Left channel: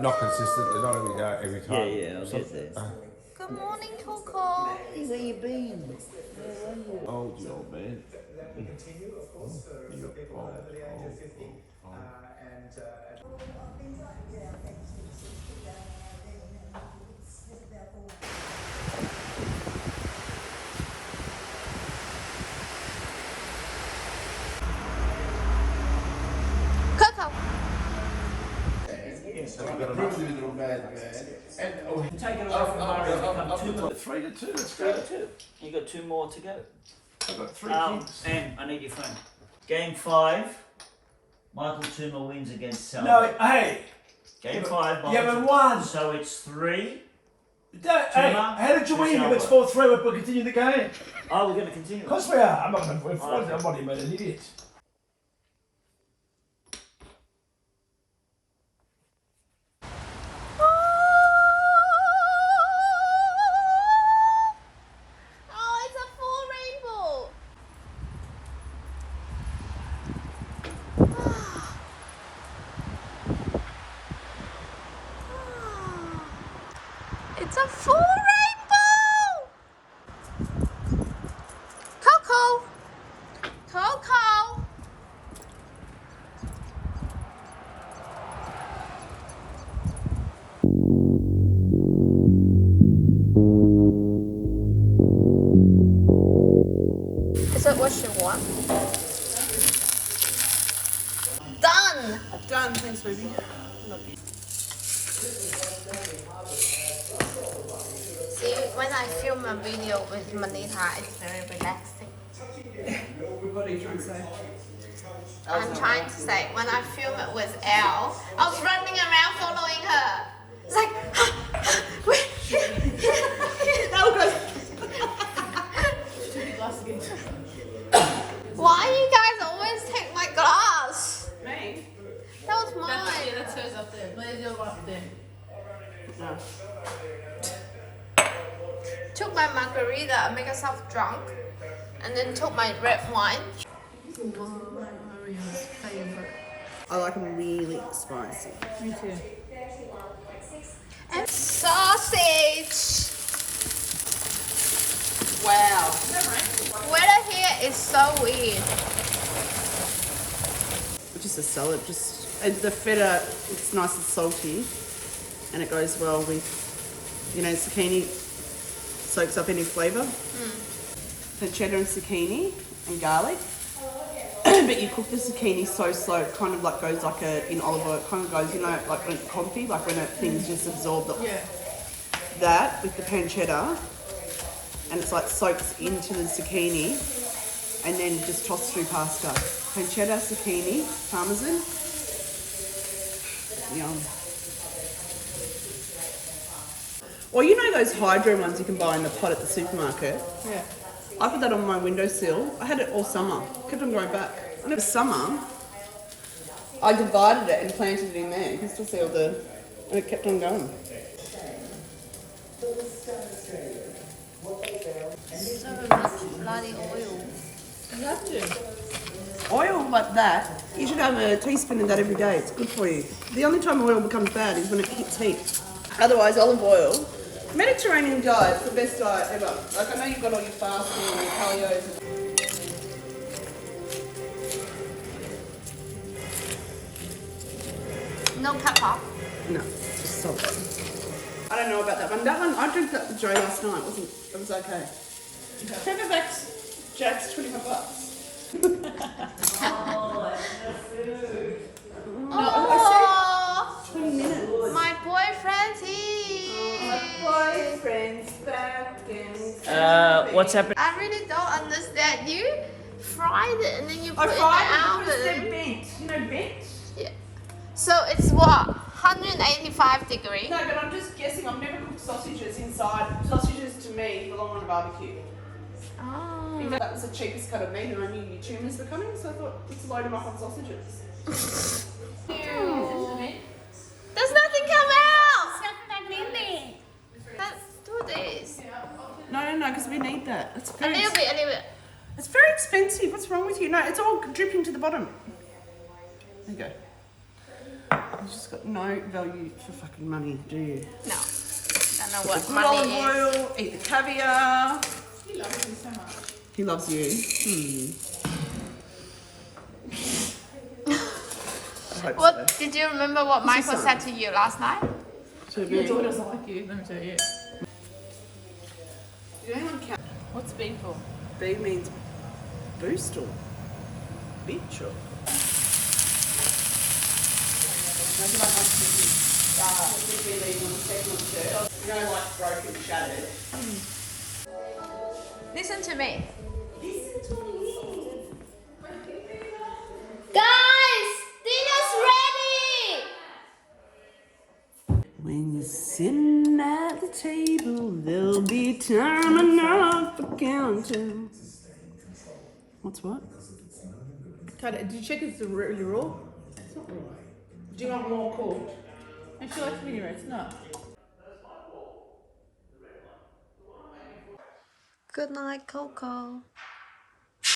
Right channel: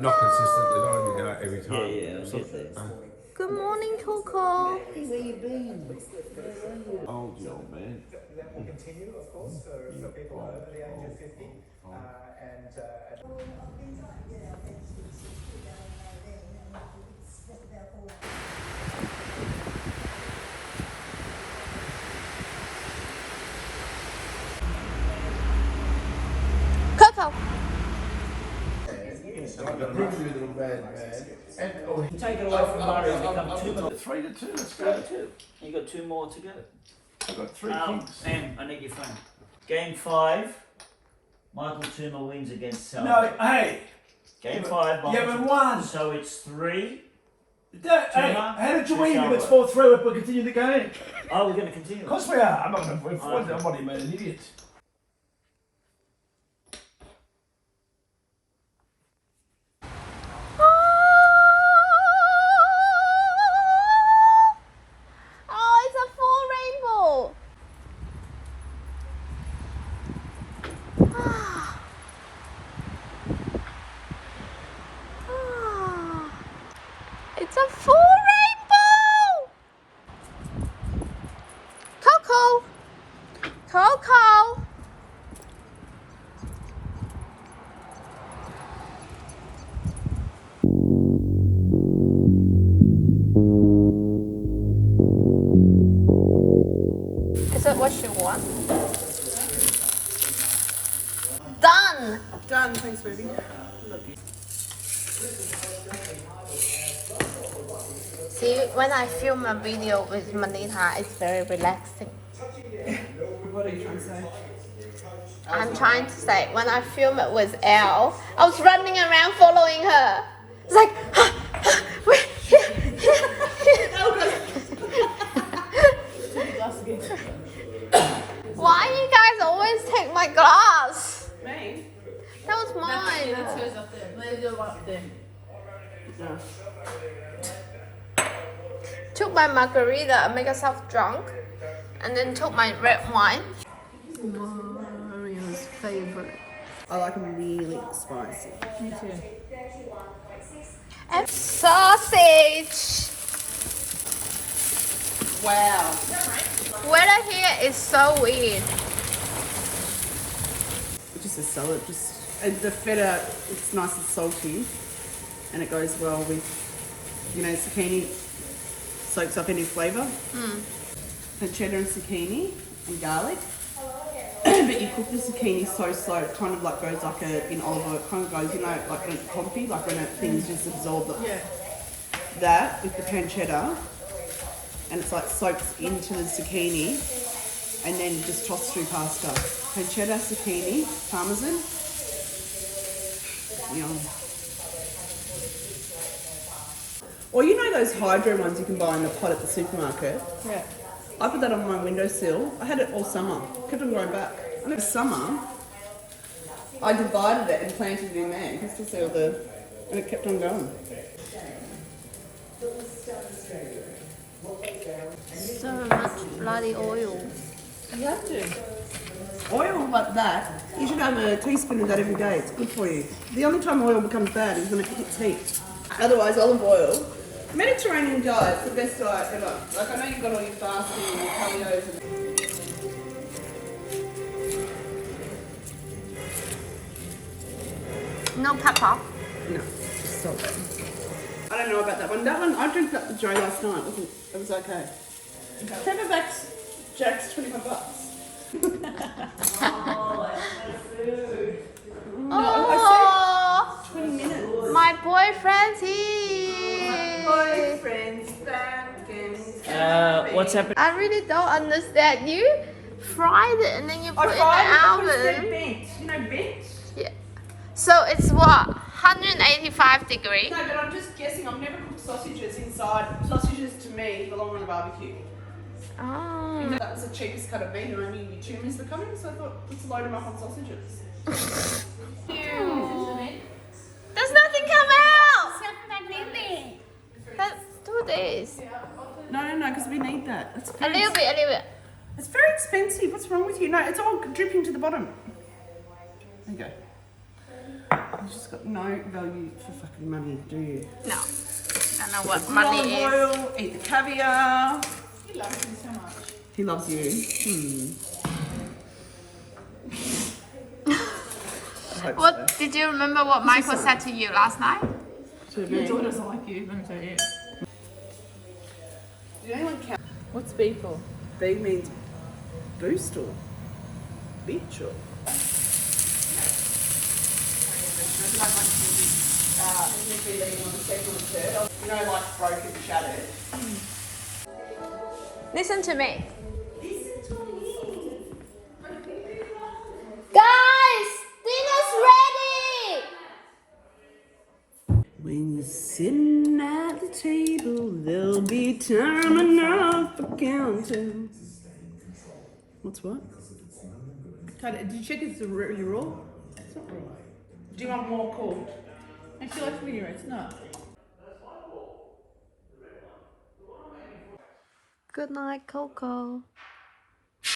Not consistently, not every time. Yeah, I'll get there. Good morning, Coco. Hey, where you been? Old you old man. Coco. Take it away from Murray and become 2 more. 3-2, let's go. 2. You got 2 more to go. I've got 3 kings. And I need your phone. Game 5. Michael Tuma wins against Sal. No, hey. Game 5. You haven't won. So it's 3. Hey, how did you win if it's 4-3? We'll continue the game. Oh, we're going to continue. Of course we are. I'm not going to. I'm not even an idiot. Oh, it's a full rainbow. It's a full rainbow. Coco. Coco. Is that what you want? Done. Done, thanks, baby. See, when I film a video with Manita, it's very relaxing. What are you trying to say? I'm trying to say, when I film it with Elle, I was running around following her. It's like, why do you guys always take my glass? Me? That was mine. That's hers up there. There's your one up there. No. Took my margarita, make myself drunk, and then took my red wine. Mario's favorite. I like them really spicy. Me too. And sausage. Wow. Weather here is so weird. Just a salad, and the feta, it's nice and salty, and it goes well with, zucchini soaks up any flavour. Pancetta and zucchini and garlic. But you cook the zucchini so slow, it kind of like goes like in olive oil, it kind of goes, like when it's comfy, like when things just absorb that with the pancetta, and it's like soaks into the zucchini, and then just toss through pasta. Pancetta, zucchini, parmesan. Yum. Or those hydro ones you can buy in the pot at the supermarket? Yeah. I put that on my windowsill. I had it all summer. Kept on going back. And it was summer. I divided it and planted it in there because to see and it kept on going. So much bloody oil. You have to. Oil like that, you should have a teaspoon of that every day. It's good for you. The only time oil becomes bad is when it hits heat. Otherwise, olive oil. Mediterranean diet's the best diet ever. Like, I know you've got all your fasting and your paleos and... No pepper. No, just salt. I don't know about that one. That one, I drank that with Joe last night. It was okay. Pepper Jack's $25. No, I said 20 minutes. My boyfriend's here. Boyfriend's back and What's happening? I really don't understand. You fried it and then you put it in the oven. bent. Bent? Yeah. So it's what? 185 degrees. No, but I'm just guessing. I've never cooked sausages inside. Sausages to me belong on a barbecue. Oh. That was the cheapest cut of meat, and I knew your tumours were coming, so I thought let's load them up on sausages. There's nothing come out. Let's do this. No, because we need that. It's A very, little bit. It's very expensive. What's wrong with you? No, it's all dripping to the bottom. There you go. You just just got no value for fucking money, do you? No. Don't know what Good money olive is. oil, eat the caviar. He loves you so much. He loves you. I hope What so. did you remember what Michael son. said to you last night? To Your me. daughter doesn't like you, let me tell you. Did anyone count? What's B for? B means boost or bitch or. You know, like broken, shattered. Listen to me. Guys, dinner's ready. When you're sitting at the table, there'll be time enough for counting. What's what? Did you check it's really raw? It's not raw. Do you want more cooked? And she likes medium rare, it's not. Good night, Coco.